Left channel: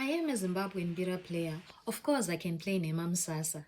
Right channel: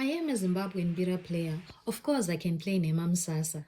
I am a Zimbabwean Bira player. Of course, I can play Nemam Sasa.